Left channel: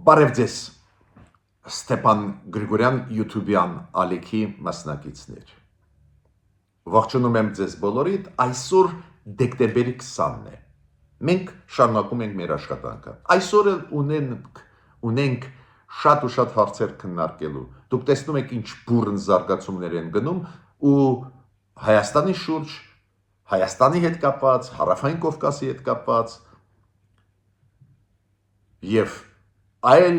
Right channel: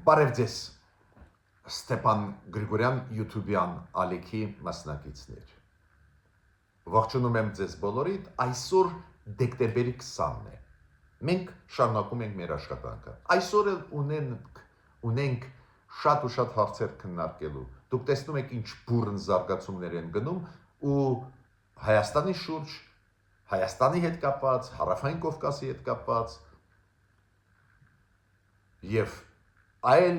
Բարև ձեզ, Ստեփան Գրիգորյան YouTube-յան ալիքի մասնակիցներ։ Ողջունում եմ ձեզ բոլորիդ, այսօր դեկտեմբերի 20-ն է։ Մենք շարունակում ենք մեր աշխատանքը։ Այսօր ունենք շատ ու շատ հարցեր քննարկելու։ Դուք տեսնում եք ինչ բուրըն զարգացումներ են գնում ու Հայաստանի շուրջ, Հայաստանի հետ կապված, Հարավային Կովկասի հետ կապված եւ այլ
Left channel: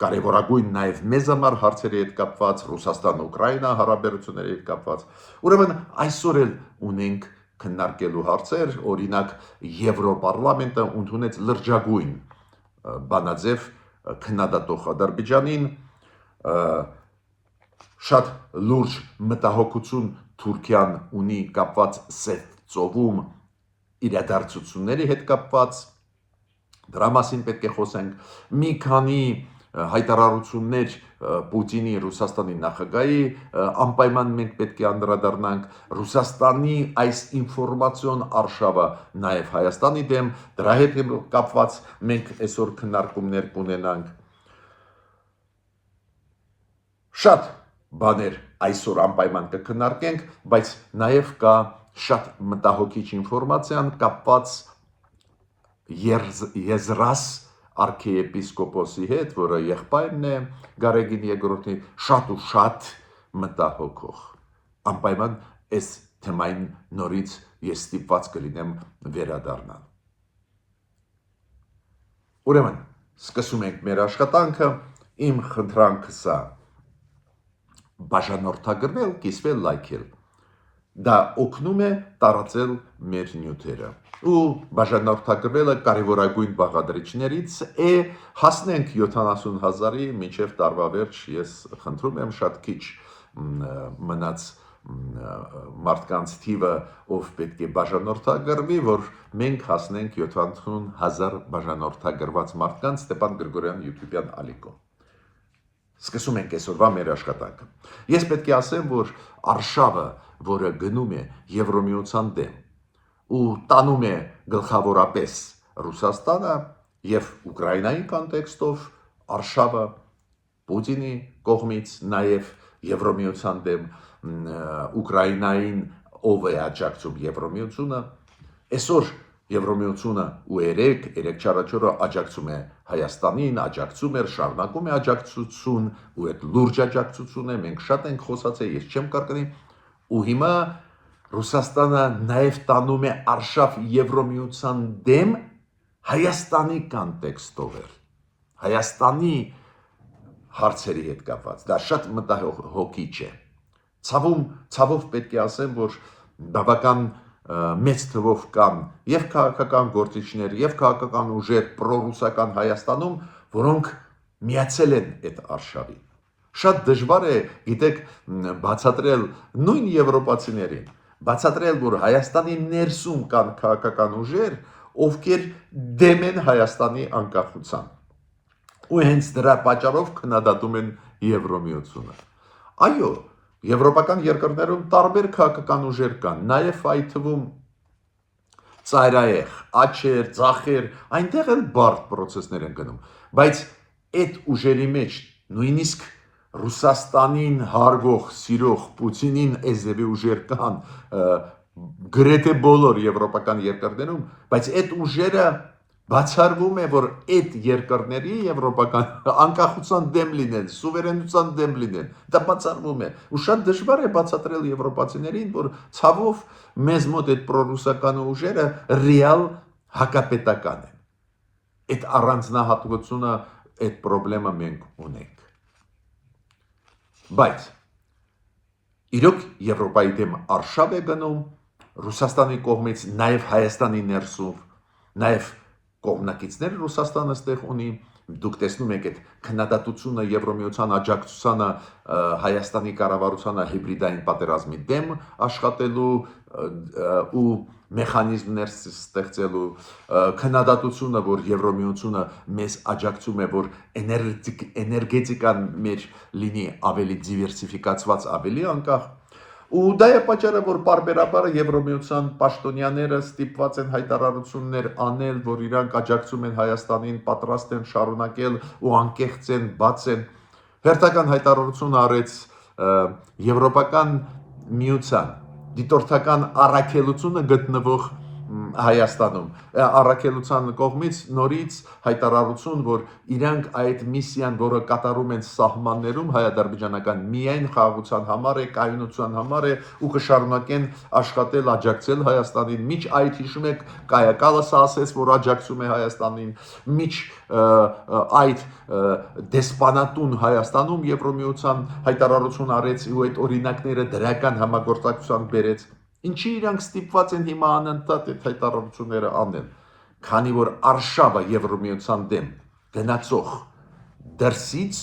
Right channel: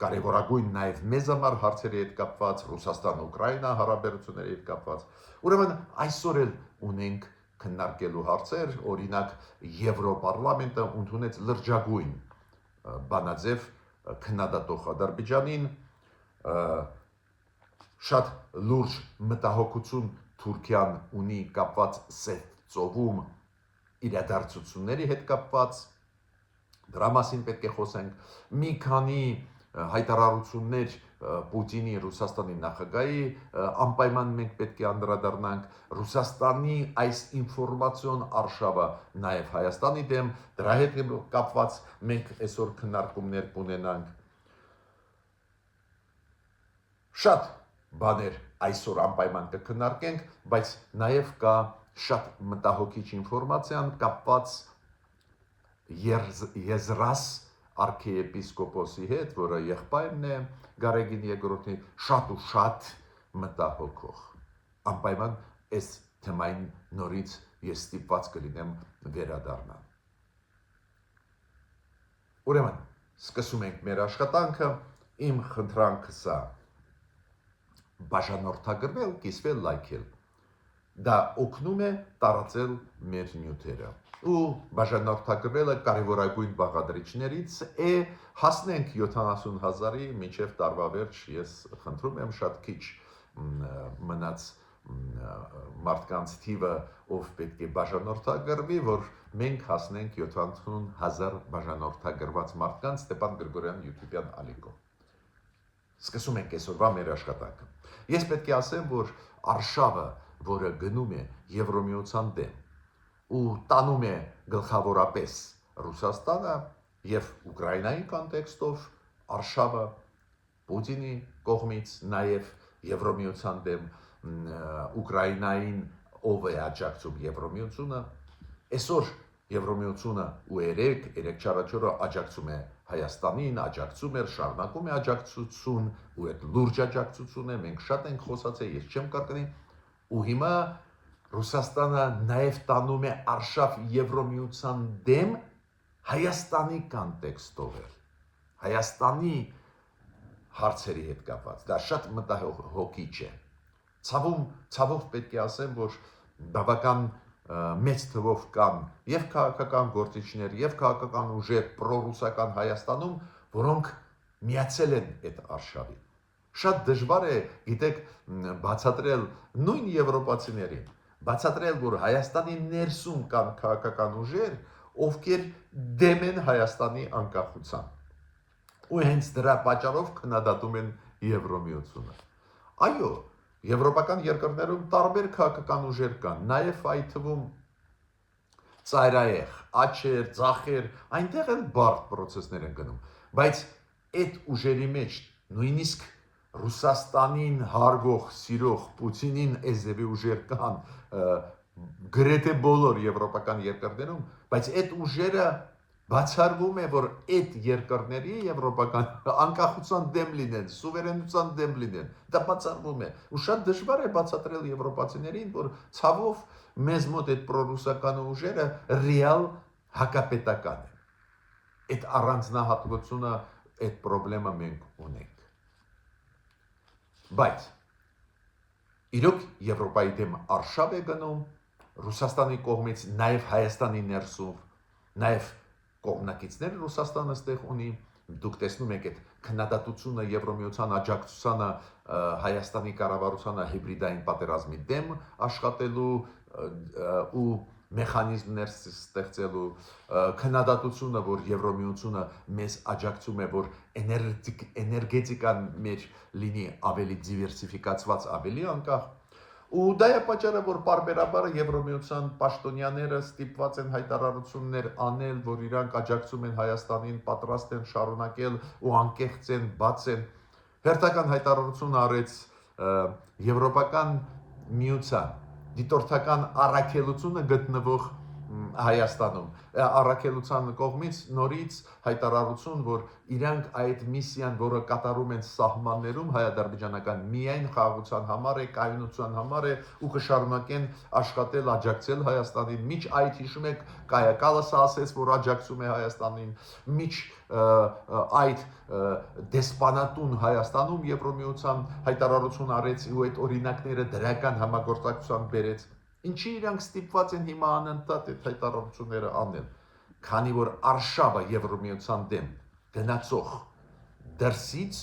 կարևորագույն նաև մեզ համար հարցերի հետ կապված, Ռուսաստան-Ուկրաինա հարաբերությունների հետ կապված։ Ուրեմն այսօր էլ ունենք քննարկելու հարցեր, օրինակ Եվրոպարլամենտը ընդունեց լրջագույն բանաձև քննադատող Ադրբեջանին, շատ լուրջ մտահոգություն Թուրքիան ունի կապված Սև ծովում իրադարձությունների հետ կապված, դրա մասին պետք է խոսենք, մի քանի հայտարարություններ Պուտինի Ռուսաստանի նախագահի անպայման մենք պետք է անդրադառնանք, Ռուսաստանի այս ինֆորմացիոն արշավը նաև Հայաստանի դեմ, դրա հետ կապված մենք այսօր քննարկումներ կունենանք։ Շատ բաներ այսօր անպայման կքննարկենք, բայց նաև կա շատ մտահոգիչ ինֆորմացիան կապված Եզրաս արքիեպիսկոպոսի հետ, որը եղբայրն է Գարեգին II-ի, շատ ու շատ մտահոգող։ Անպայման այս թեմային նորից ես ստիպված կլինեմ վերադառնալ։ Ուրեմն, սկսում ենք մեր աշխատանքը, իմ խնդրանքս է բաժանորդագրվել, կիսվել, լայքել։ Դա օգնում է տարածել մեր նյութերը։ Ու բաժանորդագրվելը կարևորագույն բաղադրիչներից է, հասնենք 70,000-ի մինչև տարվա վերջ, ես խնդրում եմ շատ քիչ մնաց մարդկանց թիվը, ով պետք է բաժանորդագրվի, որ մենք հասնենք 70,000 բաժանորդագրված մարդկանց Ստեփան Գրիգորյան YouTube-յան ալիքում։ Սկսում ենք այսօրվա մեր աշխատանքը։ Ես պետք է ասեմ, որ արշավը, որը գնում է Եվրոմիության դեմ ու տանում է գլխավորապես Ռուսաստանը եւ Ուկրաինայի կոնտեքստով արշավը Պուտինի կողմից, նաեւ Եվրոմիության դեմ Ուկրաինային ով է աջակցում Եվրոմիությունը, այսօր Եվրոմիությունը ու 3-4-ը աջակցում է Հայաստանին, աջակցում էր, շարունակում է աջակցություն, ու այդ լուրջ աջակցություն է, մենք շատ ենք խոսացել, ես չեմ կարկնի, ու հիմա Ռուսաստանը նաև տանում է արշավ Եվրոմիության դեմ Հայաստանի կոնտեքստով էր, Հայաստանի հարցերի հետ կապված, դա շատ մտահոգիչ է, ցավով պետք է ասեմ, որ բավական մեծ թվով կան եւ քաղաքական գործիչներ եւ քաղաքական ուժեր պրոռուսական Հայաստանում, որոնք միացել են այդ արշավին։ Շատ դժվար է, գիտեք, բացատրել նույն եվրոպացիներին, բացատրել, որ Հայաստանի ներսում կան քաղաքական ուժեր, ովքեր դեմ են Հայաստանի անկախության։ Ու հենց դրա պատճառով քննադատում են Եվրոմիությունը։ Այո, եվրոպական երկրներում տարբեր քաղաքական ուժեր կան, նաև այդ թվում ծայրահեղ, աչեր, ձախեր, այնտեղ էլ բարդ պրոցեսներ են գնում, բայց այդ ուժերի մեջ նույնիսկ Ռուսաստանին հարգող, սիրող, Պուտինին էզևի ուժեր կան, գրեթե բոլոր եվրոպական երկրներում, բայց այդ ուժերը բացառվում է, որ այդ երկրների եվրոպական անկախության դեմ լինեն, սուվերենության դեմ լինեն, դա բացառվում է, ու շատ դժվար է բացատրել եվրոպացիներին, որ ցավով մեզ մոտ այդ պրոռուսական ուժերը ռեալ հակապետական են։ Այդ առանձնահատկությունը, այդ խնդրումը մենք ունենք։ Բայց իրոք Եվրոպայի դեմ արշավ է գնում Ռուսաստանի կողմից, նաև Հայաստանի ներսում, նաև կողմնակիցներ Ռուսաստանը ստեղ ունի, դուք տեսնում եք այդ քննադատությունը Եվրոմիության աջակցությանը Հայաստանի կառավարությանը հիբրիդային պատերազմի դեմ աշխատելու ու մեխանիզմներ ստեղծելու, քննադատությունը, որ Եվրոմիությունը մեզ աջակցում է, որ էներգետիկան մեր լինի ավելի դիվերսիֆիկացված, ավելի անկախ, Ու դա է պատճառը, որ բարբերաբար Եվրոմիության պաշտոնյաները ստիպված են հայտարարություններ անել, որ իրանք աջակցում են Հայաստանին, պատրաստ են շարունակել ու անկեղծ են, բաց են։ Հերթական հայտարարություն արեց Եվրոպական միության դիտորդական առաքելությունը գտնվող Հայաստանում առաքելության կողմից նորից հայտարարություն, որ իրանք այդ միսիան, որը կատարում են սահմաններում հայ-ադրբեջանական միայն խաղաղության համար է, կայունության համար է ու կշարունակեն աշխատել, աջակցել Հայաստանին։ Միջ այդ հիշում եք Կայա Կալասը ասեց, որ աջակցում է Հայաստանին, միջ այդ դեսպանատուն Հայաստանում Եվրոմիության հայտարարություն արեց ու այդ օրինակները դրական համագործակցության բերեց։ Ինչի իրանք ստիպված են հիմա անընդհատ այդ հայտարարությունները անել, քանի որ արշավը Եվրոմիության դեմ գնացող դրսից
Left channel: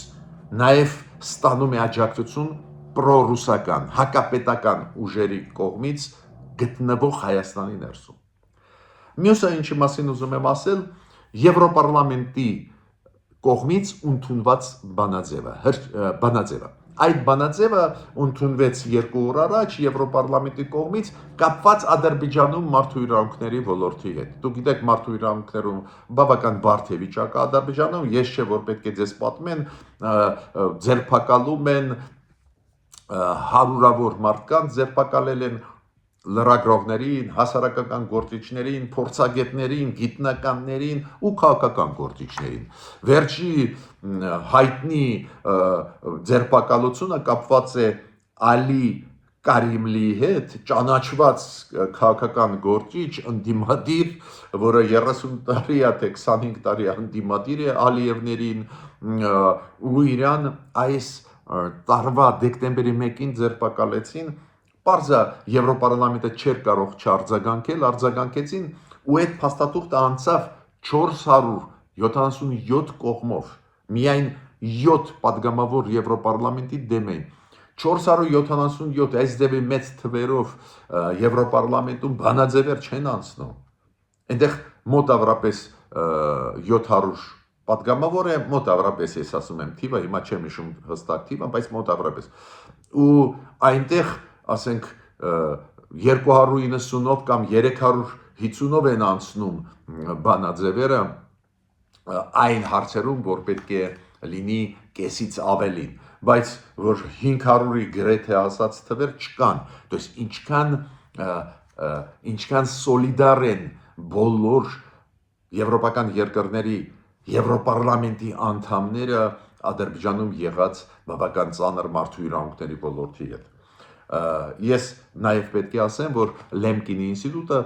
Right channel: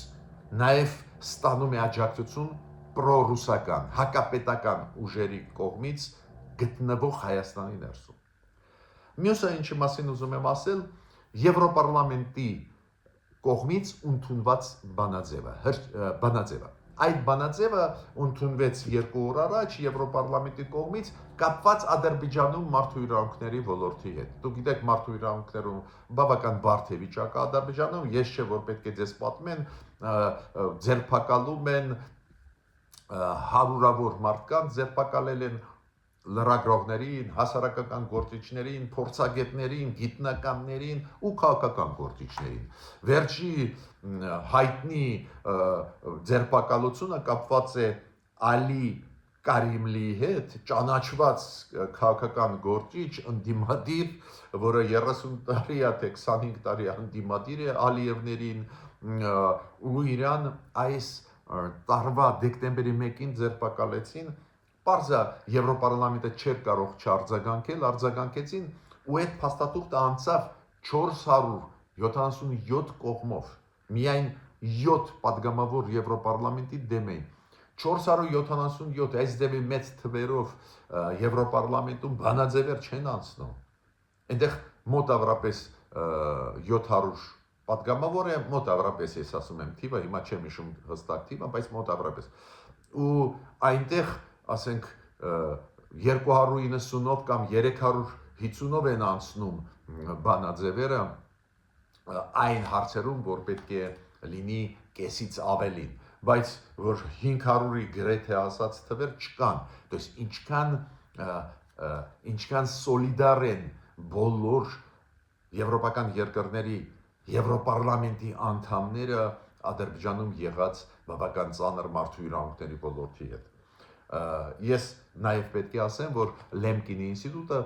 նաև ստանում է աջակցություն պրոռուսական, հակապետական ուժերի կողմից գտնվող Հայաստանի ներսում։ Մյուսը ինչի մասին ուզում եմ ասել, Եվրոպարլամենտի կողմից ընդունված բանաձևը։ Այդ բանաձևը ընդունվեց 2 օր առաջ Եվրոպարլամենտի կողմից կապված Ադրբեջանում մարդու իրավունքների ոլորտի հետ։ Դուք գիտեք, մարդու իրավունքներում բավական բարդ է վիճակը Ադրբեջանում, ես չէ որ պետք է ձեզ պատմեն, ձերբակալում են հարյուրավոր մարդկանց, ձերբակալել են լրագրողներին, հասարակական գործիչներին, փորձագետներին, գիտնականներին ու քաղաքական գործիչներին։ Վերջի հայտնի ձերբակալությունը կապված է Ալի Կարիմլիի հետ, ճանաչված քաղաքական գործիչ, ընդդիմադիր, որը 30 տարի է, թե 25 տարի ընդդիմադիր է Ալիևներին, ու իրան այս տարվա դեկտեմբերի 1-ին ձերբակալեցին։ Պարզա Եվրոպարլամենտը չէր կարող չարձագանքել, արձագանքեցին ու այդ փաստաթուղթը անցավ 477 կողմով, միայն 7 падգամավոր Եվրոպարլամենտի դեմ էին։ 477 այս դեպի մեծ թվերով Եվրոպարլամենտում բանաձևեր չեն անցնում։ Այնտեղ մոտավորապես 700 падգամավոր է, մոտավորապես ես ասում եմ թիվը, հիմա չեմ հիշում հստակ թիվը, բայց մոտավորապես։ Ու այնտեղ ասենք 290-ով կամ 350-ով են անցնում բանաձևերը այն հարցերում, որ պետք է լինի կեսից ավելին, բայց որ 500-ի գրեթե ասած թվեր չկան, то есть ինչքան սոլիդար են բոլոր եվրոպական երկրների Եվրոպարլամենտի անդամները Ադրբեջանում եղած բավական ծանր մարդու իրավունքների ոլորտի հետ։ Ես նաև պետք է ասեմ, որ Լեմկինի ինստիտուտը,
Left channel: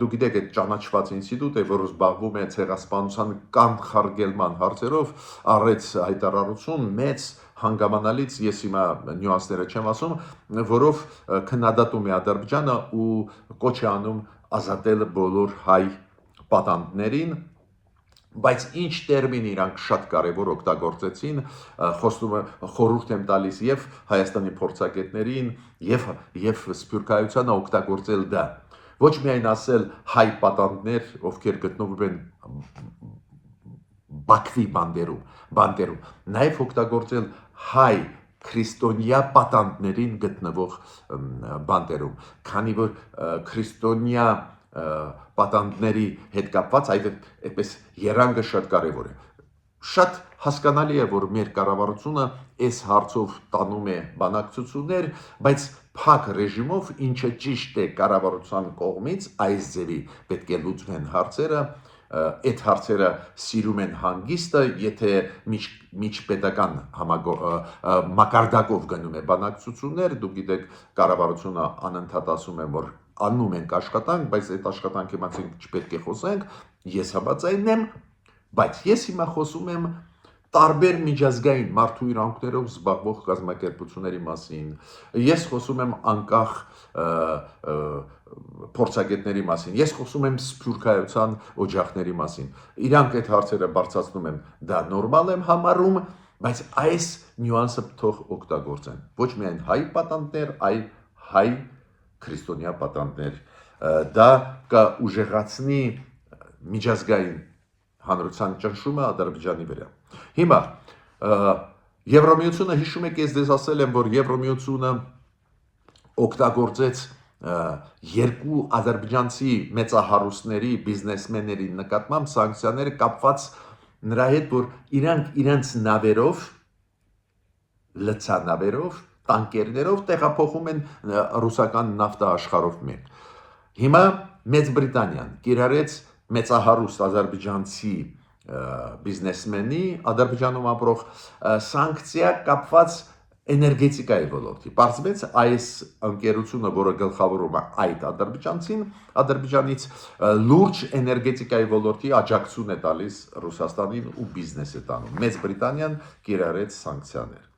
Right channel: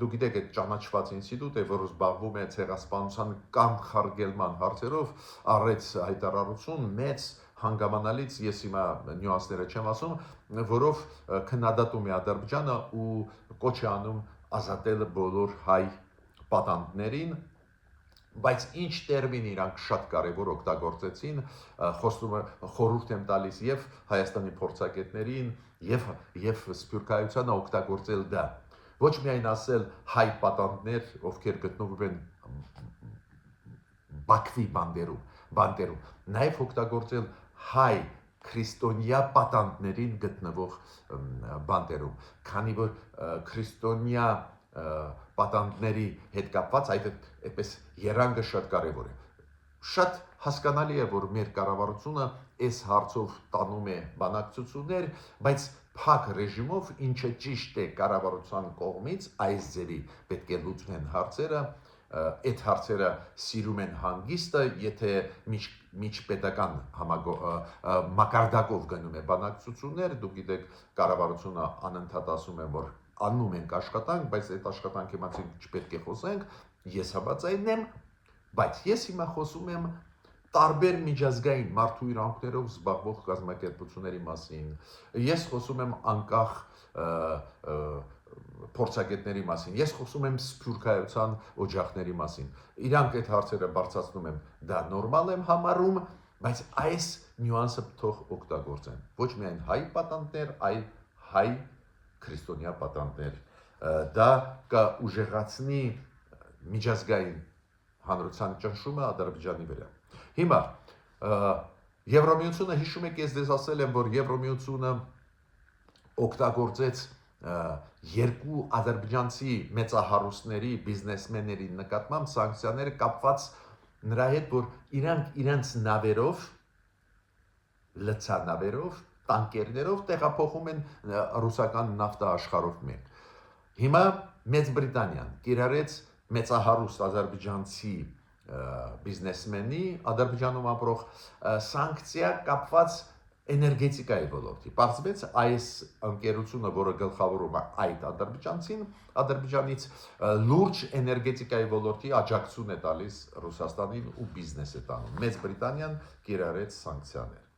դուք գիտեք, այդ ճանաչված ինստիտուտ է, որը զբաղվում է ցեղասպանության կանխարգելման հարցերով, առեց հայտարարություն մեծ հանգամանալից, ես հիմա նյուանսները չեմ ասում, որով քննադատում է Ադրբեջանը ու կոչ է անում ազատել բոլոր հայ պատանդներին, բայց ինչ տերմին իրանք շատ կարևոր օգտագործեցին, խորհուրդ եմ տալիս եւ Հայաստանի փորձագետներին եւ Սփյուռքայությանը օգտագործել դա։ Ոչ միայն ասել հայ պատանդներ, ովքեր գտնվում են Բաքվի բանդերում, նաեւ օգտագործել հայ քրիստոնյա պատանդներին գտնվող բանդերում, քանի որ քրիստոնյա պատանդների հետ կապված այդպես երանգը շատ կարևոր է։ Շատ հասկանալի է, որ մեր կառավարությունը այս հարցով տանում է բանակցություններ, բայց փակ ռեժիմով, ինչը ճիշտ է կառավարության կողմից, այս ձևի պետք է լուծվեն հարցերը, այդ հարցերը սիրում են հանգիստը, եթե միջպետական մակարդակով գնում է բանակցություններ, դուք գիտեք, կառավարությունը անընդհատ ասում է, որ անում ենք աշխատանք, բայց այդ աշխատանքի մասին չպետք է խոսենք, ես համաձայն եմ, բայց ես հիմա խոսում եմ տարբեր միջազգային մարդու իրավունքներով զբաղվող կազմակերպությունների մասին, ես խոսում եմ անկախ փորձագետների մասին, ես խոսում եմ Սփյուռքայության օջախների մասին, իրանք այդ հարցերը բարձրացնում են, դա նորմալ եմ համարում, բայց այս նյուանսը թող օգտագործեն, ոչ միայն հայ պատանդներ, այլ հայ քրիստոնյա պատանդներ, դա կուժեղացնի միջազգային հանրության ճնշումը Ադրբեջանի վրա։ Հիմա Եվրոմիությունը, հիշում եք, ես դες ասել եմ, որ Եվրոմիությունը օգտագործեց երկու ադրբեջանցի մեծահարուստների բիզնեսմենների նկատմամբ սանկցիաները կապված նրա հետ, որ իրանք իրենց նավերով, լցանավերով, տանկերներով տեղափոխում են ռուսական նավթը աշխարհով մեկ։ Հիմա Մեծ Բրիտանիան կիրառեց մեծահարուստ ադրբեջանցի բիզնեսմենի Ադրբեջանում ապրող սանկցիա կապված էներգետիկայի ոլորտի։ Պարզվեց այս ընկերությունը, որը գլխավորում է այդ ադրբեջանցին, Ադրբեջանից լուրջ էներգետիկայի ոլորտի աջակցություն է տալիս Ռուսաստանին ու բիզնես է տանում։ Մեծ Բրիտանիան կիրառեց սանկցիաներ։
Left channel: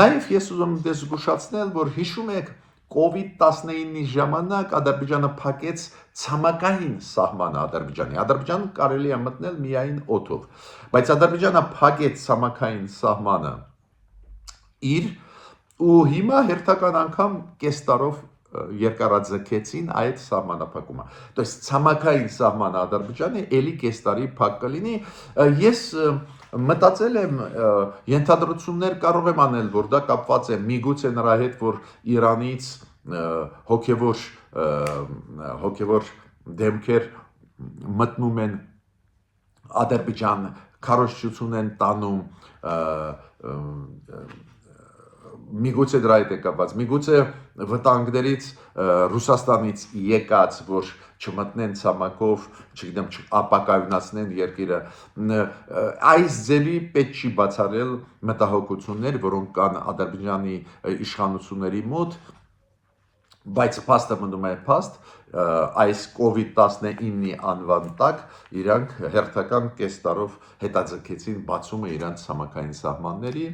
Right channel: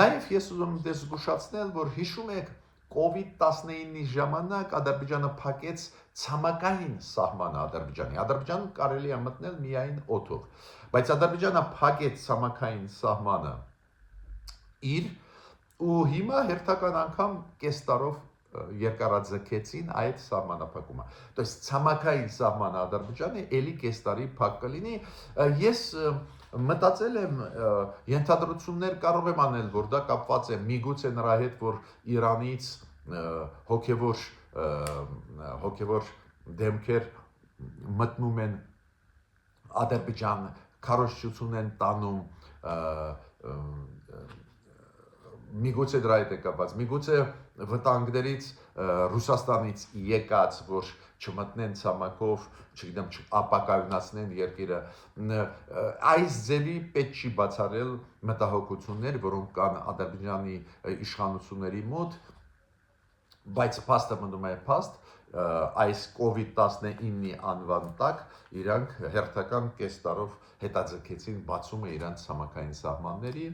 Նաև ես ուզում եմ զգուշացնել, որ հիշում եք COVID-19-ի ժամանակ Ադրբեջանը փակեց ցամաքային սահմանը Ադրբեջանի։ Ադրբեջանը կարելի է մտնել միայն օդով, բայց Ադրբեջանը փակեց ցամաքային սահմանը իր ու հիմա հերթական անգամ կես տարով երկարաձգեցին այդ սահմանափակումը։ То есть ցամաքային սահմանը Ադրբեջանի ելի կես տարի փակ կլինի։ Ես մտածել եմ ենթադրություններ կարող եմ անել, որ դա կապված է միգուցե նրա հետ, որ Իրանից հոգևոր դեմքեր մտնում են Ադրբեջան, քարոզչություն են տանում, միգուցե դրա հետ է կապված, միգուցե վտանգներից Ռուսաստանից եկած, որ չմտնեն ցամաքով, չգիտեմ, ապակայունացնեն երկիրը, այս ձևի պետք չի բացառել մտահոգություններ, որոնք կան Ադրբեջանի իշխանությունների մոտ, բայց փաստը մնում է փաստ, այս COVID-19-ի անվան տակ իրանք հերթական կես տարով հետաձգեցին բացումը իրանց ցամաքային սահմանների։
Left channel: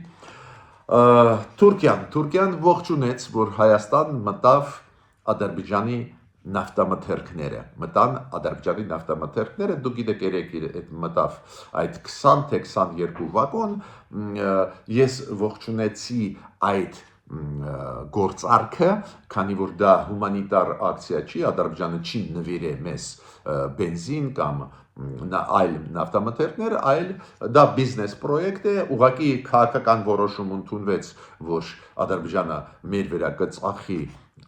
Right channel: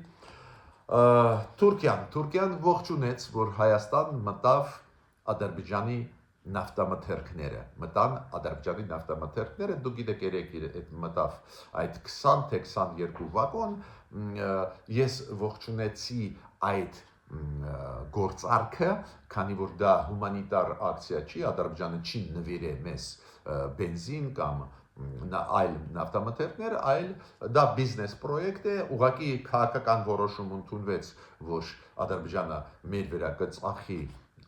Թուրքիան ողջունեց, որ Հայաստան մտավ Ադրբեջանի նավթամթերքները, դուք գիտեք երեք մտավ այդ 20 թե 22 վագոն, ես ողջունեցի այդ գործարքը, քանի որ դա հումանիտար ակցիա չի, Ադրբեջանը չի նվիրե մեզ բենզին կամ այլ նավթամթերքներ, այլ դա բիզնես պրոյեկտ է, ուղղակի քաղաքական որոշում ընդունվեց, որ Ադրբեջանը մեր վրա կծախի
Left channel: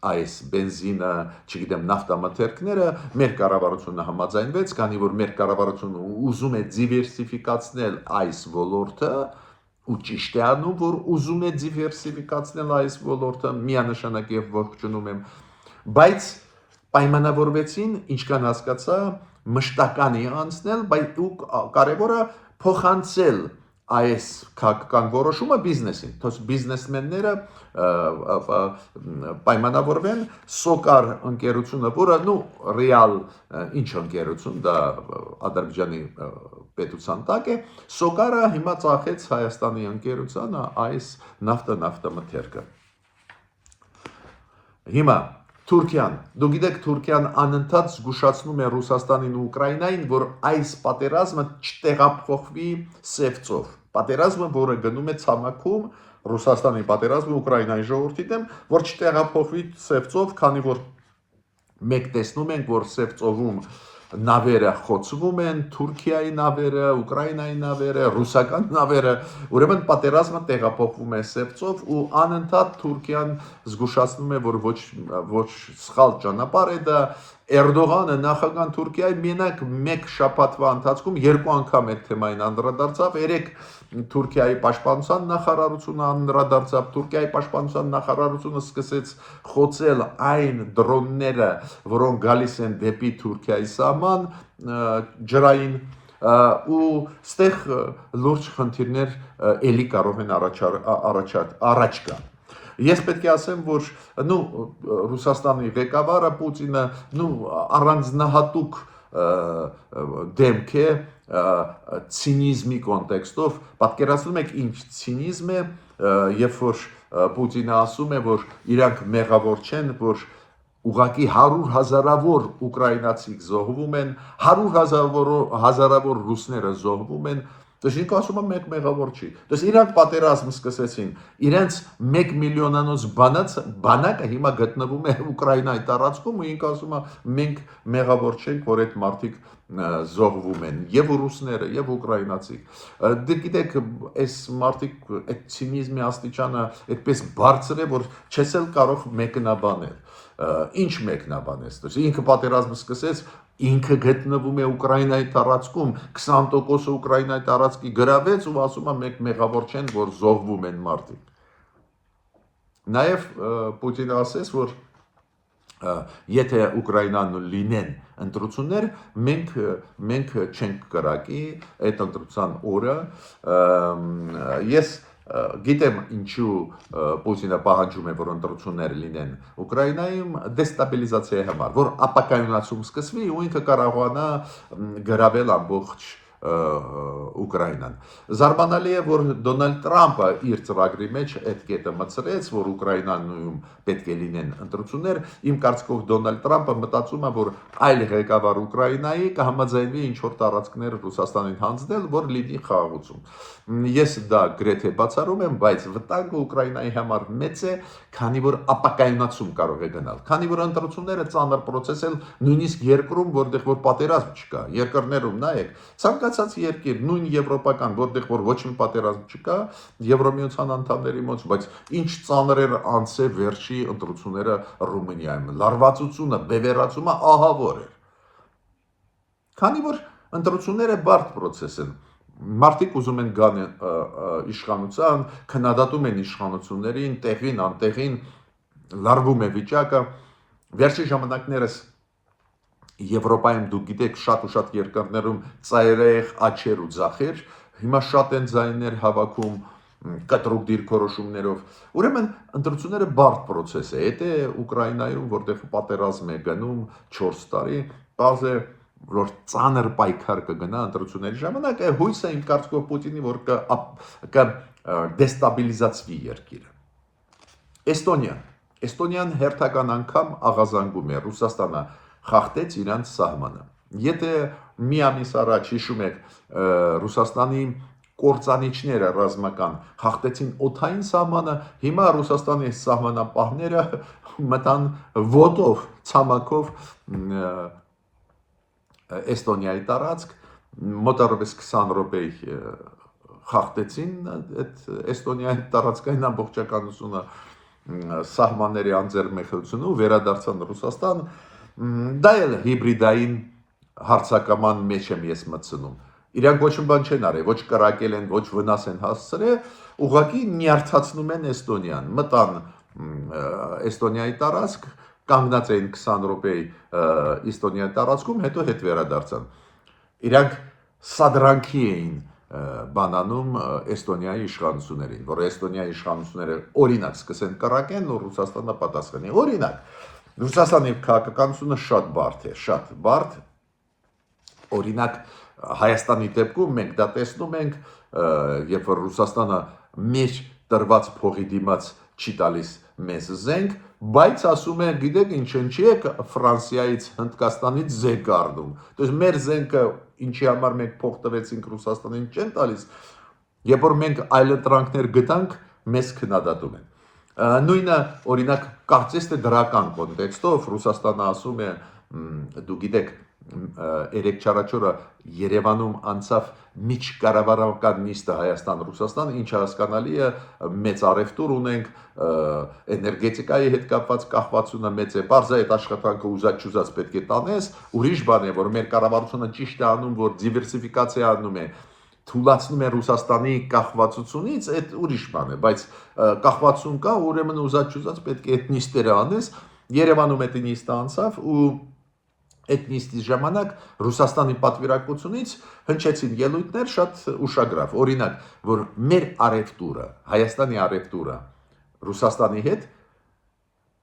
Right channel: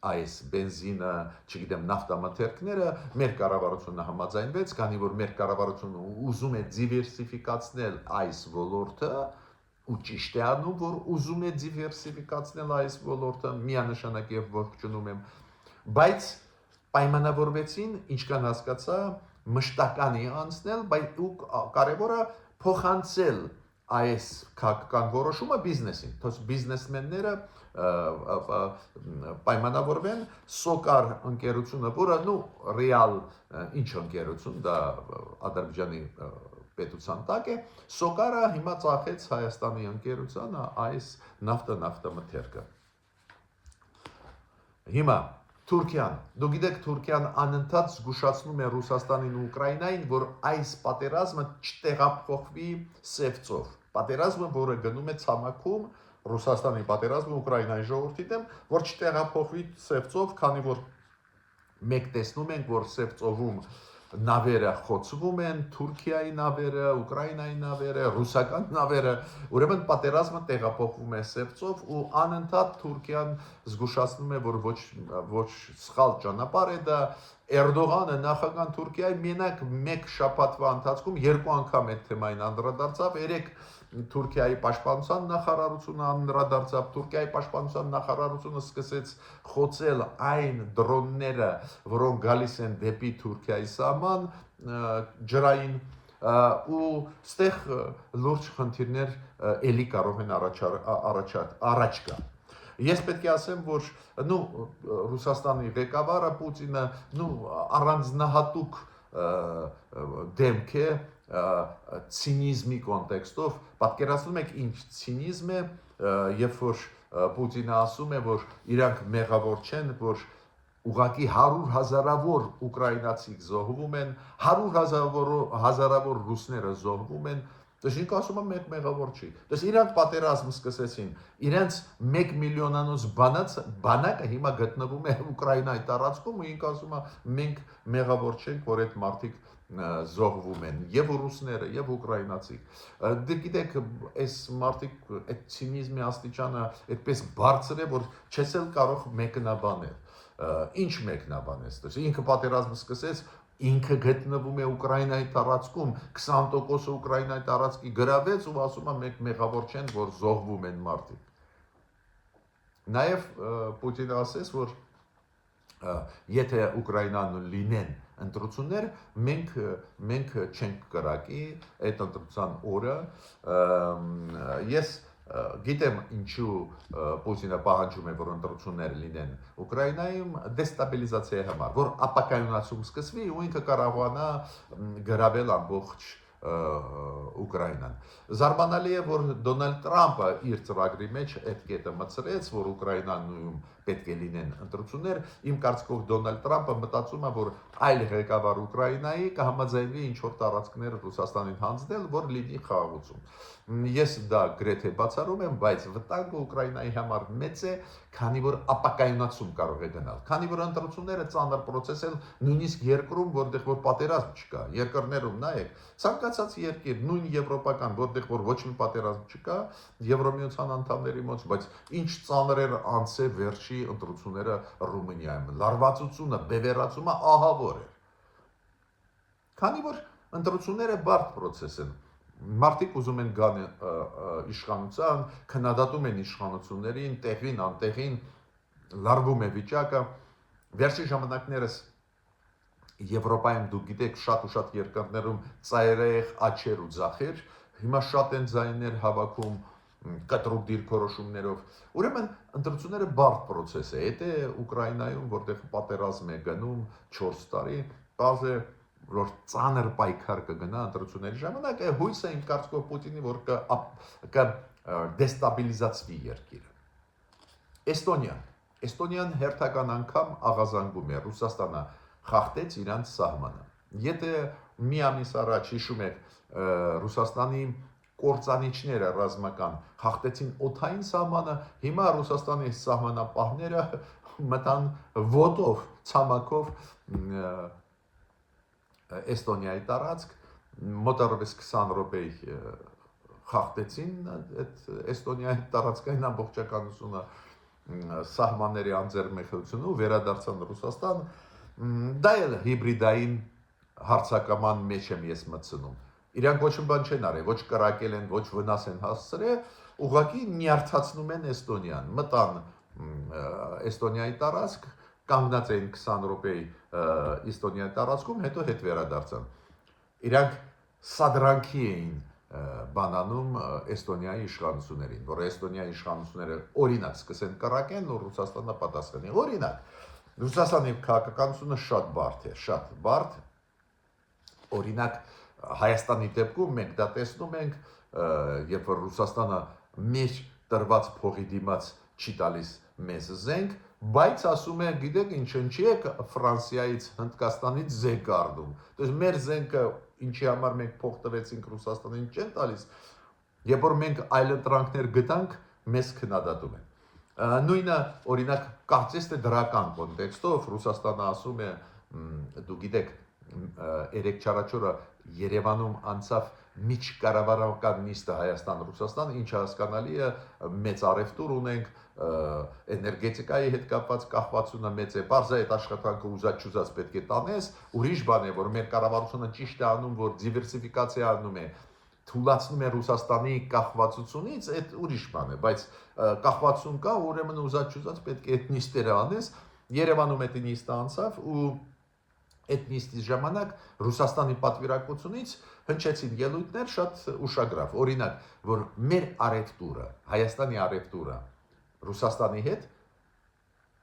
այս բենզինը, չգիտեմ, նավթամթերքները, մեր կառավարությունը համաձայնվեց, քանի որ մեր կառավարությունը ուզում է դիվերսիֆիկացնել այս ոլորտը, ու ճիշտ է անում, որ ուզում է դիվերսիֆիկացնել այս ոլորտը, միանշանակ եւ ողջունում եմ, բայց պայմանավորվեցին, ինչքան հասկացա, մշտականի անցնել, բայց ու կարևորը փոխանցել այս քաղաքական որոշումը բիզնեսին, թող բիզնեսմենները պայմանավորվեն Սոկար ընկերությունը, որը ռեալ ինչ ընկերություն, դա Ադրբեջանի պետության տակ է, Սոկարը հիմա ծախեց Հայաստանի ընկերությանը այս նավթամթերքը։ Հիմա Թուրքիան, դուք գիտեք, Թուրքիան անընդհատ զգուշացնում է Ռուսաստանին ու Ուկրաինային, որ այս պատերազմը չտեղափոխվի սև ծով։ Պատերազմը, որը գնում է ցամաքում, Ռուսաստանի պատերազմը Ուկրաինայի ժողովրդի դեմ, որ չտեղափոխվի սև ծով, քանի որ մեկ տեսնում ենք, որ սև ծովում նավերը խոցվում են, Թուրքիայի նավերը, Ուկրաինայի նավերը, ռուսական նավերը, ուրեմն պատերազմը տեղափոխվում է սև ծով ու անընդհատ Թուրքիան զգուշացնում է, որ ոչ սխալ ճանապարհ է դա, Էրդողանը նախագահ Թուրքիայի մենակ մեկ շաբաթվա ընթացքում երկու անգամ այդ թեմային անդրադարձավ, երեք Թուրքիայի պաշտպանության նախարարությունը անդրադարձավ, Թուրքիայի պաշտպանության նախարարությունը սկսեց խոցել այն դրոնները, որոնք գալիս են դեպի Թուրքիայի սահման ջրային ու ստեղ լուրջ խնդիրներ էլի կարող են առաջ գալ։ Ես պետք է ասեմ, որ Ռուսաստանի ղեկավարը Պուտինը առանձնահատուկ դեմք է ցինիզմի կոնտեքստով, պատկերացնում եք ինչ ցինիզմ է, երբ որ Պուտինը ասում է, որ իրանք մեղավոր չեն, որ ուղղակի 100,000-ավոր ուկրաինացիք զոհվում են, 100,000-ավոր ռուսները զոհվում են, Դες ինքը ասում եմ մեկ մեղավոր չի։ Դες իրանք պատերազմ սկսեցին, իրենց 1 միլիոնանոց բանակը հիմա գտնվում է Ուկրաինայի տարածքում ու ինքը ասում է մենք մեղավոր չենք, որ այդ մարդիկ զոհվում են եւ ռուսները եւ ուկրաինացիք դե գիտեք այս մարդիկ այդ ցինիզմի աստիճանը այդպես բարձր է որ չես էլ կարող մեկնաբանել ինչ մեկնաբանես դες ինքը պատերազմը սկսեց ինքը գտնվում է Ուկրաինայի տարածքում 20% Ուկրաինայի տարածքի գրավեց ու ասում է մեկ մեղավոր չեն որ զոհվում են մարդիկ նաեւ Պուտինը ասես որ եթե Ուկրաինան լինեն ընտրություններ մենք չենք կրակի այդ ընտրության օրը ես գիտեմ ինչու Պուտինը պահանջում է որ ընտրություններ լինեն Ուկրաինայում դեստաբիլիզացիայի համար որ ապակայունացում սկսվի ու ինքը կարողանա գրավել ամբողջ Ուկրաինան զարմանալի է որ Դոնալդ Տրամպը իր ծրագրի մեջ այդ կետը մտցրեց որ Ուկրաինայում պետք է լինեն ընտրություններ իմ կարծիքով Դոնալդ Տրամպը մտածում է որ այլ ղեկավար Ուկրաինայի կհամաձայնվի ինչ որ տարածքներ Ռուսաստանին հանձնել որ լինի խաղաղություն ես դա գրեթե բացառում եմ բայց վտանգը Ուկրաինայի համար մեծ է քանի որ ապակայունացում կարող է գնալ քանի որ ընտրությունները ծանր process են նույնիսկ երկրում որտեղ որ պատերազմ չկա երկրներում նայեք ցանկացած երկիր նույն եվրոպական որտեղ որ ոչ մի պատերազմ չկա Եվրոմիության անդամների մոտ բայց ինչ ծանր էր անցե վերջի ընտրությունները Ռումինիայում լարվածությունը բևեռացումը ահավոր էր քանի որ ընտրությունները բարդ process են մարդիկ ուզում են գան իշխանության քննադատում են իշխանություններին տեղին անտեղին լարվում է վիճակը վերջի ժամանակներս Եվրոպայում դուք գիտեք շատ ու շատ երկրներում ծայրահեղ աչեր ու ձախեր հիմա շատ են ձայներ հավաքում կտրուկ դիրքորոշումներով ուրեմն ընտրությունները բարդ process է դա Ուկրաինայում որտեղ պատերազմ է գնում 4 տարի բազ է որ ծանր պայքար կգնա ընտրությունների ժամանակ հույս է իմ կարծիքով Պուտինի որ դեստաբիլիզացվի երկիրը Էստոնիան հերթական անգամ աղազանգում է Ռուսաստանը խախտեց իրանց սահմանը եթե մի ամիս առաջ հիշում եք Ռուսաստանի կործանիչները ռազմական խախտեցին օդային սահմանը հիմա Ռուսաստանի սահմանապահները մտան ոտով ցամաքով Էստոնիայի տարածք մոտավորապես 20 րոպեի խախտեցին այդ Էստոնիայի տարածքային ամբողջականությունը սահմանների անձեռնմխելիությունը ու վերադարձան Ռուսաստան դա էլ հիբրիդային հարցակման մեջ եմ ես մտցնում իրանք ոչ մի բան չեն արել ոչ կրակել են ոչ վնաս են հասցրել ուղղակի նյարդացնում են Էստոնիան մտան Էստոնիայի տարածք կանգնած էին 20 րոպեի Էստոնիայի տարածքում հետո հետ վերադարձան իրանք սադրանքի էին բանանում Էստոնիայի իշխանություններին որ Էստոնիայի իշխանությունները օրինակ սկսեն կրակեն ու Ռուսաստանը պատասխանի օրինակ Ռուսաստանի քաղաքականությունը շատ բարդ է շատ բարդ օրինակ Հայաստանի դեպքում մենք դա տեսնում ենք երբ որ Ռուսաստանը մեր տրված փողի դիմաց չի տալիս մեզ զենք բայց ասում է գիտեք ինչ ինչի է Ֆրանսիայից Հնդկաստանից զենք առնում то есть մեր զենքը ինչի համար մենք փող տվեցինք Ռուսաստանին չեն տալիս երբ որ մենք այլընտրանքներ գտանք մեզ քննադատում են նույնը օրինակ կարծես թե դրական կոնտեքստով Ռուսաստանը ասում է դու գիտեք երեք չարաչորը Երևանում անցավ միջկառավարական նիստը Հայաստան-Ռուսաստան, ինչը հասկանալի է մեծ առևտուր ունենք, էներգետիկայի հետ կապված կախվածությունը մեծ է, բարձր է այդ աշխատանքը ուզած-չուզած պետք է տանես, ուրիշ բան է, որ մեր կառավարությունը ճիշտ է անում, որ դիվերսիֆիկացիա անում է, թուլացնում է Ռուսաստանի կախվածությունից, այդ ուրիշ բան է, բայց կախվածություն կա, ուրեմն ուզած-չուզած պետք է այդ նիստերը անես, Երևանում այդ նիստը անցավ ու այդ նիստի ժամանակ Ռուսաստանի պատվիրակությունից հնչեցին ելույթներ շատ ուշագրավ, օրինակ, որ մեր առևտուրը, Հայաստանի առևտուրը Ռուսաստանի հետ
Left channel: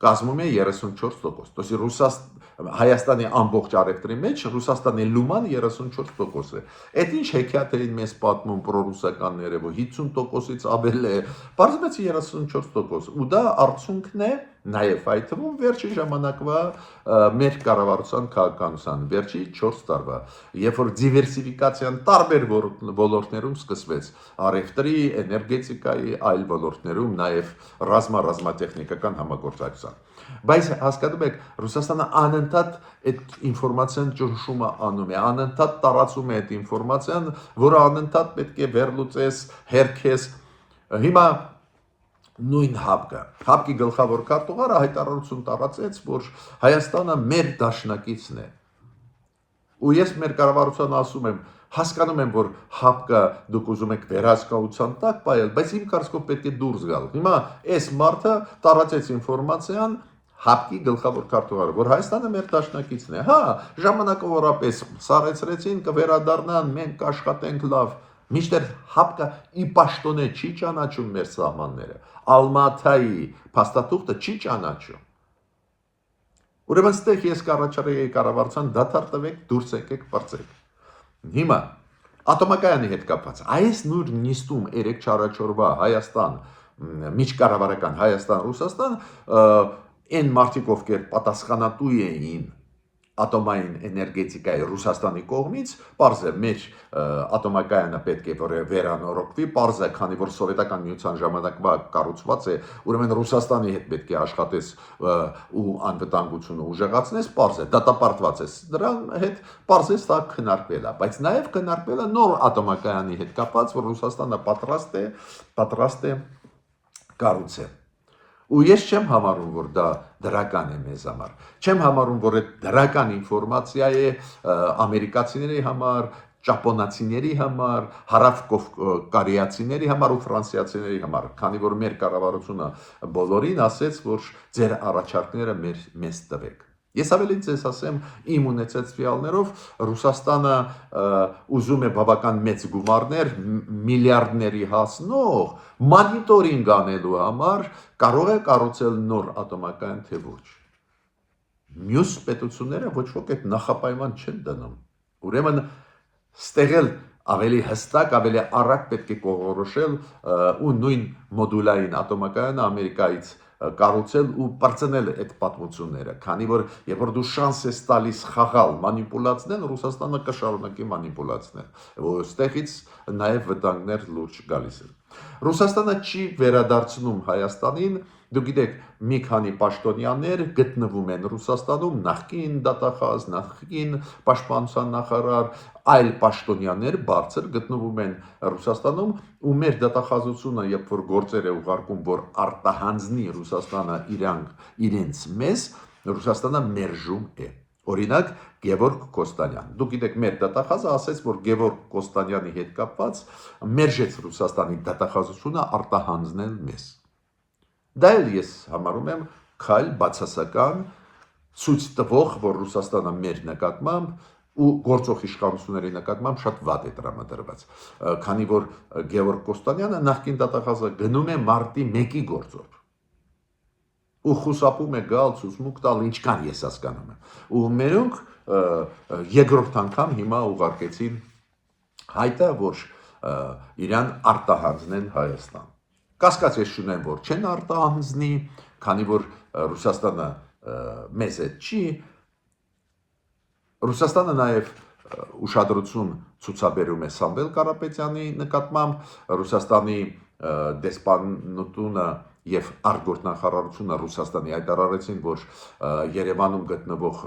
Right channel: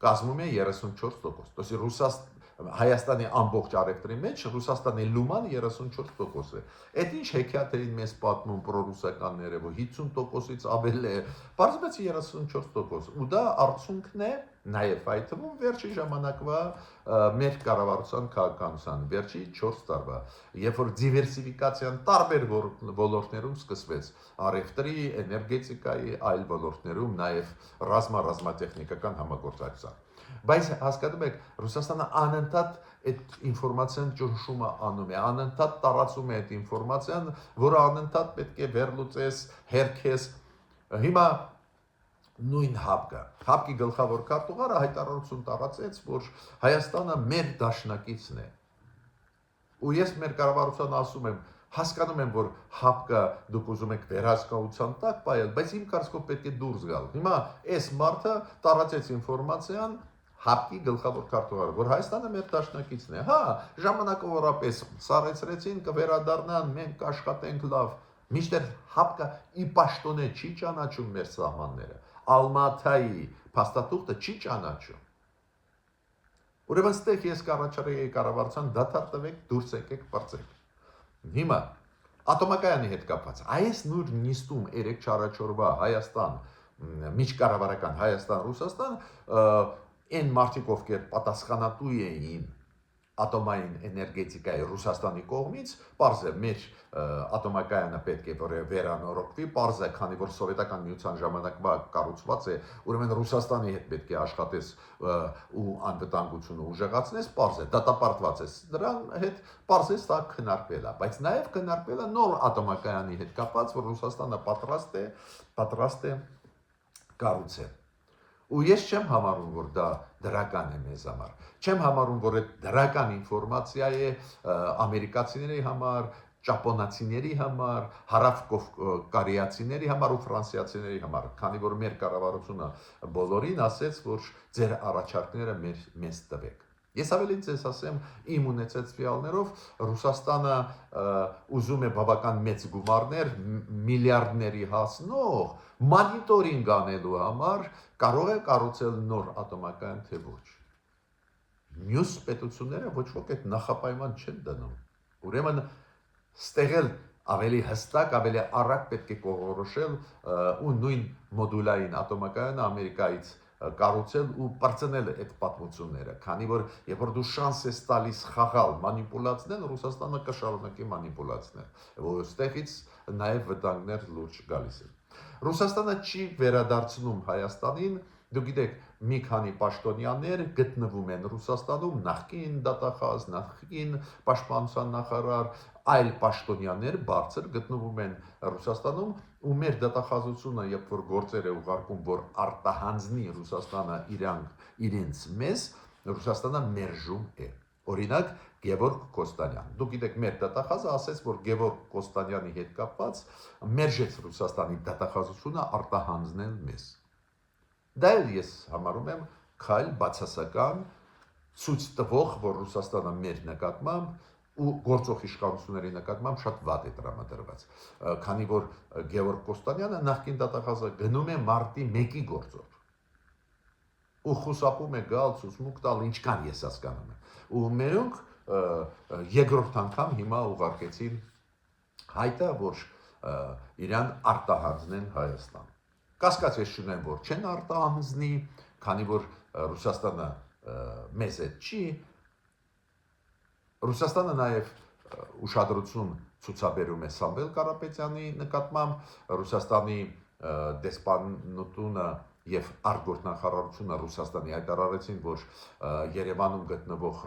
կազմում է 34%, то есть Հայաստանի ամբողջ առևտրի մեջ Ռուսաստանի լուման 34% է։ Այդ ինչ հեքիաթ էին մեզ պատմում պրոռուսականները, որ 50%-ից ավել է, բարձրացի 34%, ու դա արդյունքն է նաև այդ թվում վերջի ժամանակվա մեր կառավարության քաղաքականության վերջի 4 տարվա, երբ որ դիվերսիֆիկացիան տարբեր ոլորտներում սկսվեց, առևտրի, էներգետիկայի, այլ ոլորտներում, նաև ռազմատեխնիկական համագործակցության։ Բայց հասկանում եք, Ռուսաստանը անընդհատ այդ ինֆորմացիան ճնշումը անում է, անընդհատ տարածում է այդ ինֆորմացիան, որը անընդհատ պետք է վերլուծես, հերքես։ Հիմա նույն հապկի գլխավոր քարտուղարը հայտարարություն տարածեց, որ Հայաստանը մեր դաշնակիցն է։ Ու ես մեր կառավարության ասում եմ, հասկանում եմ, որ հապկը դուք ուզում եք վերահսկողության տակ պայել, բայց իմ կարծիքով պետք է դուրս գալ։ Հիմա այս մարդը տարածեց ինֆորմացիան հապկի գլխավոր քարտուղարը, որ Հայաստանը մեր դաշնակիցն է։ Հա, ժամանակավորապես սարեցրեցին, կվերադառնան, մենք կաշխատենք լավ։ Միշտեր հապկը ի պաշտոնե չի ճանաչում մեր սահմանները, Ալմաթայի փաստաթուղթը չի ճանաչում։ Ուրեմն ստեղ ես կառաջարկեի կառավարության դադար տվեք, դուրս եկեք, բարձեք։ Հիմա ատոմակայանի հետ կապված այս նույն նիստում 3-4-օրվա Հայաստան միջկառավարական Հայաստան-Ռուսաստան այն մարդիկ, ովքեր պատասխանատու էին ատոմային էներգետիկայի Ռուսաստանի կողմից, պարզ է մեր ատոմակայանը պետք է որ վերանորոգվի, պարզ է, քանի որ սովետական միության ժամանակվա կառուցված է, ուրեմն Ռուսաստանի հետ պետք է աշխատես ու անվտանգությունը ուժեղացնես, պարզ է, դատապարտված է դրան հետ, պարզ է, սա քննարկվել է, բայց նաև քննարկվել է նոր ատոմակայանի հետ կապված, որ Ռուսաստանը պատրաստ է կառուցել։ Ու ես չեմ համարում, որ դա դրական է մեզ համար։ Չեմ համարում, որ այդ դրական ինֆորմացիա է ամերիկացիների համար, ճապոնացիների համար, հարավկովկարիացիների համար ու ֆրանսիացիների համար, քանի որ մեր կառավարությունը բոլորին ասեց, որ ձեր առաջարկները մեզ տվեք։ Ես ավելին ձեզ ասեմ, իմ ունեցած ֆիալներով Ռուսաստանը ուզում է բավական մեծ գումարներ, միլիարդների հասնող մոնիտորինգ անելու համար կարող է կառուցել նոր ատոմակայան, թե ոչ։ Մյուս պետությունները ոչ ոք այդ նախապայման չեն դնում։ Ուրեմն ստեղել ավելի հստակ, ավելի արագ պետք է կողորոշել ու նույն մոդուլային ատոմակայանը Ամերիկայից կառուցել ու բարձնել այդ պատմությունները, քանի որ երբ որ դու շանս ես տալիս խաղալ, մանիպուլացնել, Ռուսաստանը կշարունակի մանիպուլացնել, որ այստեղից նաև վտանգներ լուրջ գալիս են։ Ռուսաստանը չի վերադարձնում Հայաստանին, դուք գիտեք, մի քանի պաշտոնյաներ գտնվում են Ռուսաստանում, նախկին դատախազ, նախկին պաշտպանության նախարար, այլ պաշտոնյաներ բարձր գտնվում են Ռուսաստանում ու մեր դատախազությունը, երբ որ գործեր է ուղարկում, որ արտահանձնի Ռուսաստանը իրենց մեզ, Ռուսաստանը մերժում է։ Օրինակ Գևորգ Կոստանյան։ Դուք գիտեք, մեր դատախազը ասեց, որ Գևորգ Կոստանյանի հետ կապված մերժեց Ռուսաստանի դատախազությունը արտահանձնել մեզ։ Դա էլ ես համարում եմ քայլ բացասական, ցույց տվող, որ Ռուսաստանը մեր նկատմամբ ու գործող իշխանությունների նկատմամբ շատ վատ է տրամադրված, քանի որ Գևորգ Կոստանյանը նախկին դատախազը գնում է մարտի 1-ի գործով ու խուսափում է գալ ցուցմուկ տալ, ինչքան ես հասկանում եմ։ Ու մերոնք երկրորդ անգամ հիմա ուղարկեցին հայտը, որ իրան արտահանձնեն Հայաստան։ Կասկած ես չունեմ, որ չեն արտահանձնի, քանի որ Ռուսաստանը մեզ հետ չի։ Ռուսաստանը նաև ուշադրություն ցուցաբերում է Սամվել Կարապետյանի նկատմամբ, Ռուսաստանի դեսպանությունը եւ արտգործնախարարությունը Ռուսաստանի հայտարարեցին, որ Երևանում գտնվող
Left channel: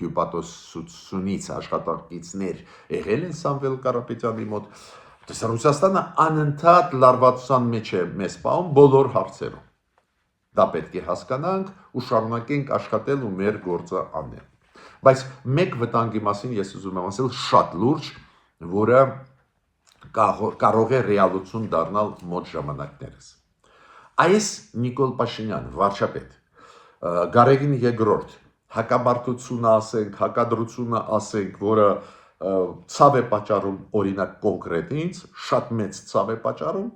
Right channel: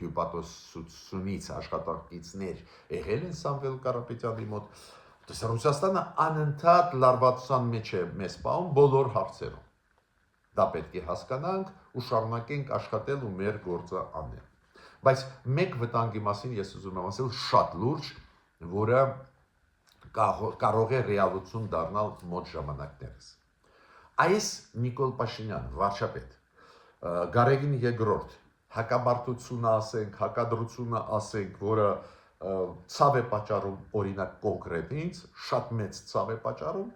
հյուպատոսությունից աշխատակիցներ եղել են Սամվել Կարապետյանի մոտ։ Ռուսաստանը անընդհատ լարվածության մեջ է մեզ պահում բոլոր հարցերում։ Դա պետք է հասկանանք ու շարունակենք աշխատել ու մեր գործը անել։ Բայց մեկ վտանգի մասին ես ուզում եմ ասել շատ լուրջ, որը կարող է ռեալություն դառնալ մոտ ժամանակներս։ Այս Նիկոլ Փաշինյան, վարչապետ, Գարեգին II, հակամարտությունը ասենք, հակադրությունը ասենք, որը ցավ է պատճառում օրինակ կոնկրետ ինձ, շատ մեծ ցավ է պատճառում։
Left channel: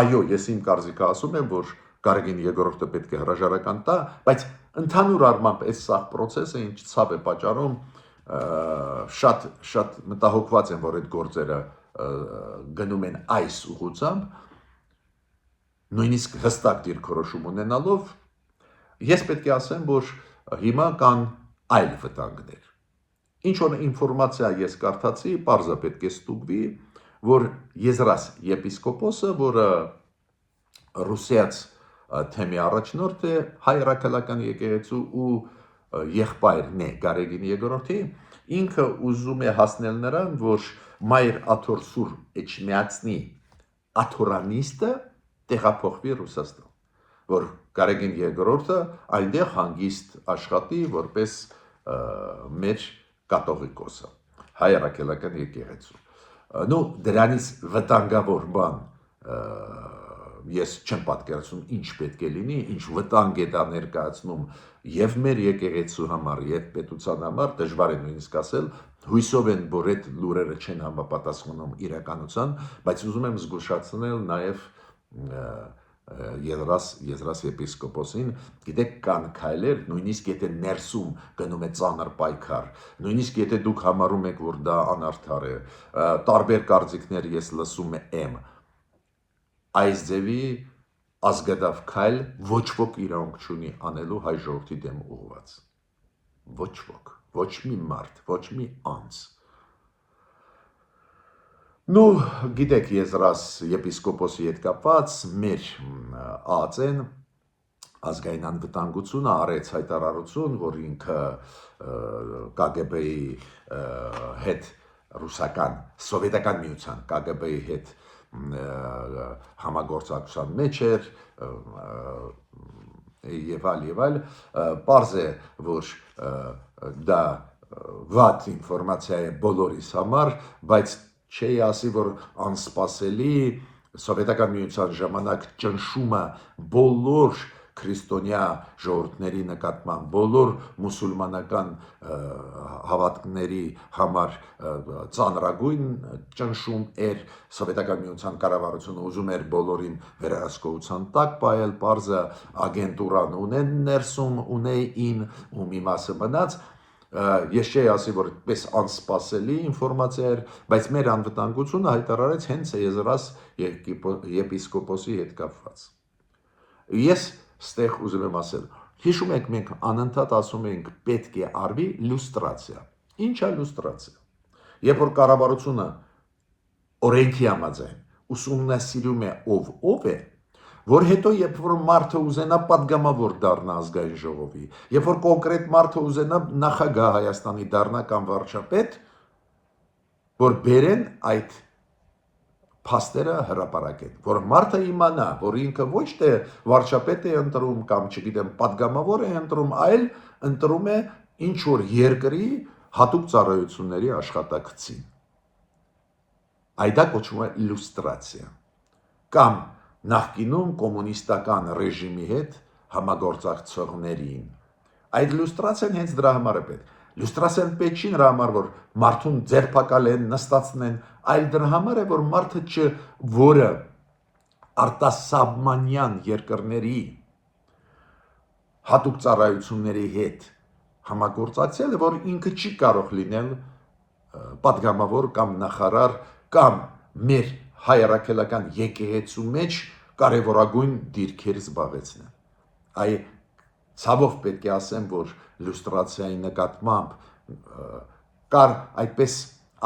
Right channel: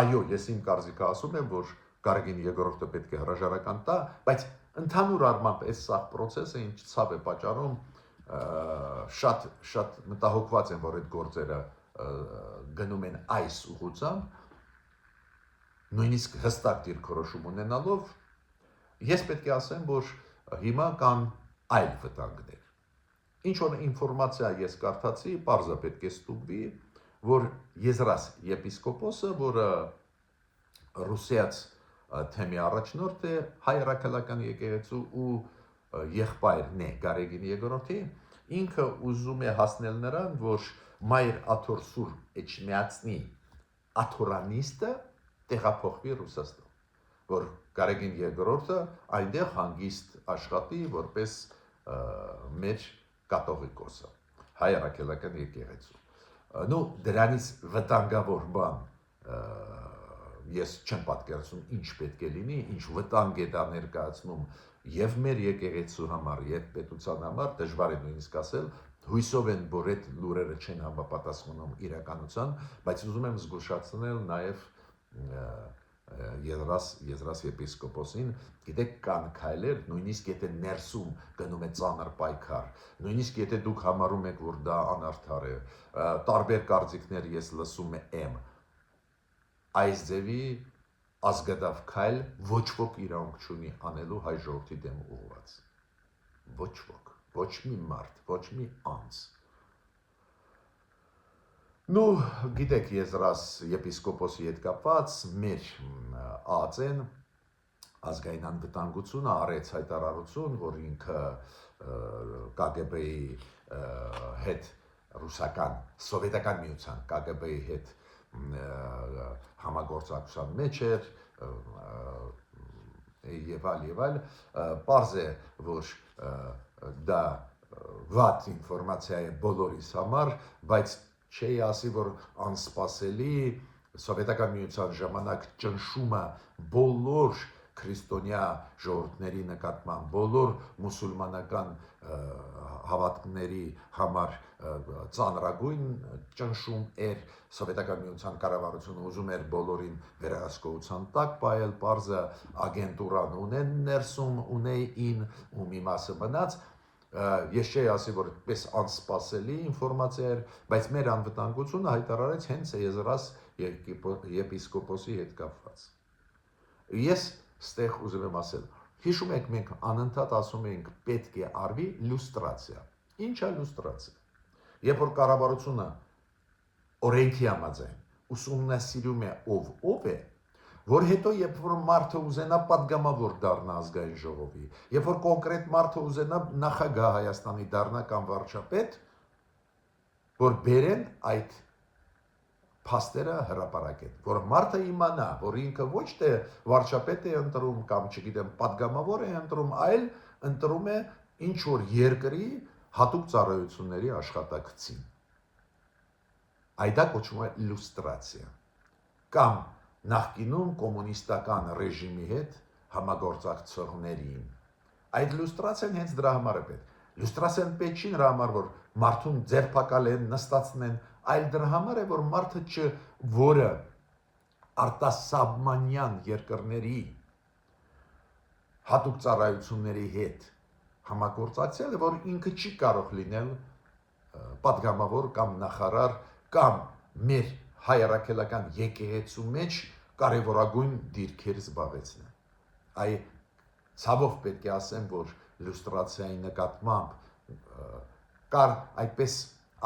Այո, ես իմ կարծիքը ասում եմ, որ Գարեգին II-ը պետք է հրաժարական տա, բայց ընդհանուր առմամբ այս սաղ process-ը ինչ ցավ է պատճառում, շատ մտահոգված եմ, որ այդ գործերը գնում են այս ուղղությամբ, նույնիսկ հստակ դիրքորոշում ունենալով, Ես պետք է ասեմ, որ հիմա կան այլ վտանգներ։ Ինչ որ ինֆորմացիա ես կարդացի, պարզը պետք է ստուգվի, որ Եզրաս եպիսկոպոսը, որը ռուսիաց թեմի առաջնորդ է, հայ հրաքելական եկեղեցու ու եղբայրն է Գարեգին երկրորդի, ինքը ուզում է հասնել նրան, որ Մայր Աթոր Սուր Էջմիածնի աթորանիստը տեղափոխվի Ռուսաստան, որ Գարեգին երկրորդը այնտեղ հանգիստ աշխատի որպես մեր կաթողիկոսը, հայ հրաքելական եկեղեցու։ Նու դրանից վտանգավոր բան ես չեմ պատկերացնում ինչ պետք է լինի, ինչ վտանգ է դա ներկայացնում եւ մեր եկեղեցու համար եւ պետության համար, դժվար է նույնիսկ ասել, հույսով են, որ այդ լուրերը չեն համապատասխանում իրականության, բայց ուզում եմ զգուշացնել նաեւ Եզրաս եպիսկոպոսին, գիտեք, կան քայլեր, նույնիսկ եթե ներսում գնում է ծանր պայքար, նույնիսկ եթե դուք համարում եք, որ դա անարդար է, տարբեր կարծիքներ ես լսում եմ, այս ձևի ազգադավ քայլ ոչ ոք իրավունք չունի անելու հայ ժողովրդի դեմ ուղղված։ Ոչ ոք, ոչ մի մարդ, ոչ մի անձ։ Նու գիտեք, Եզրաս եպիսկոպոսի հետ կապված մեր ԱԱԾ-ն ազգային անվտանգությունը արեց հայտարարություն, որ ինքը KGB-ի հետ ռուսական սովետական միության KGB-ի հետ համագործակցության մեջ էր եւ այլ, պարզ է, որ դա վատ ինֆորմացիա է բոլորիս համար, բայց չի ասի, որ անսպասելի սովետական միության ժամանակ ճնշումը բոլոր քրիստոնյա ժողովուրդների նկատմամբ, բոլոր մուսուլմանական հավատքների համար ծանրագույն ճնշում էր, սովետական միության կառավարությունը ուզում էր բոլորին վերահսկողության տակ պահել, պարզը ագենտուրան ունեն ներսում, ունեին, ու մի մասը մնաց, ես չի ասի, որ պես անսպասելի ինֆորմացիա էր, բայց մեր անվտանգությունը հայտարարեց հենց Եզրաս եպիսկոպոսի հետ կապված։ Ես ստեղ ուզում եմ ասել, հիշում եք, մենք անընդհատ ասում ենք պետք է արվի լյուստրացիա։ Ինչ է լյուստրացիա։ Երբ որ կառավարությունը օրենքի համաձայն ուսումնասիրում է ով է, որ հետո երբ որ մարդը ուզենա պատգամավոր դառնա ազգային ժողովի, երբ որ կոնկրետ մարդը ուզենա նախագահ Հայաստանի դառնա կամ վարչապետ, որ բերեն այդ փաստերը հրապարակեն, որ մարդը իմանա, որ ինքը ոչ թե վարչապետ է ընտրում կամ չգիտեմ պատգամավոր է ընտրում, այլ ընտրում է ինչ որ երկրի հատուկ ծառայությունների աշխատակցին։ Այդ կոչվում է լյուստրացիա։ Կամ նախկինում կոմունիստական ռեժիմի հետ համագործակցողներին։ Այդ լյուստրացիան հենց դրա համար է պետք։ Լյուստրացիան պետք չի նրա համար, որ մարդուն ձերբակալեն, նստացնեն, այլ դրա համար է, որ մարդը որը արտասահմանյան երկրների հատուկ ծառայությունների հետ համագործակցել է, որ ինքը չի կարող լինել պատգամավոր կամ նախարար կամ մեր հայ հրաքելական եկեղեցու մեջ կարևորագույն դիրքեր զբաղեցնել։ Այ ցավով պետք է ասեմ, որ լյուստրացիայի նկատմամբ կար այդպես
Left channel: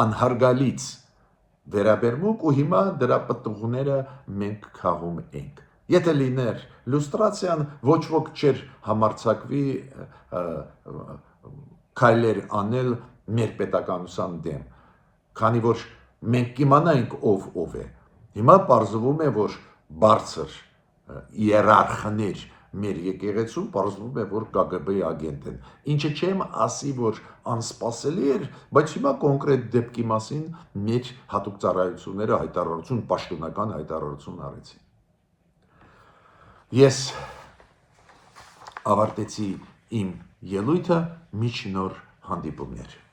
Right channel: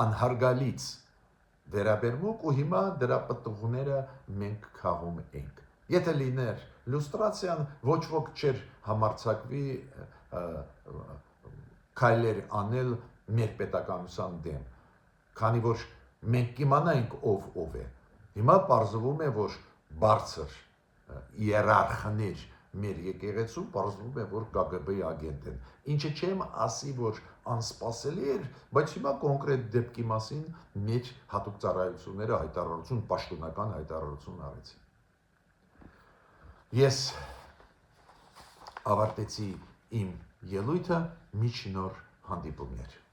անհարգալից վերաբերմունք ու հիմա դրա պտուղները մենք քաղում ենք։ Եթե լիներ լյուստրացիան, ոչ ոք չէր համարձակվի քայլեր անել մեր պետականության դեմ, քանի որ մենք կիմանայինք ով է։ Հիմա պարզվում է, որ բարձր իերարխներ մեր եկեղեցում պարզվում է, որ KGB-ի ագենտ են։ Ինչը չեմ ասի, որ անսպասելի էր, բայց հիմա կոնկրետ դեպքի մասին մեր հատուկ ծառայությունները հայտարարություն, պաշտոնական հայտարարություն արեցին։ Ես ավարտեցի իմ ելույթը, միջ նոր հանդիպումներ։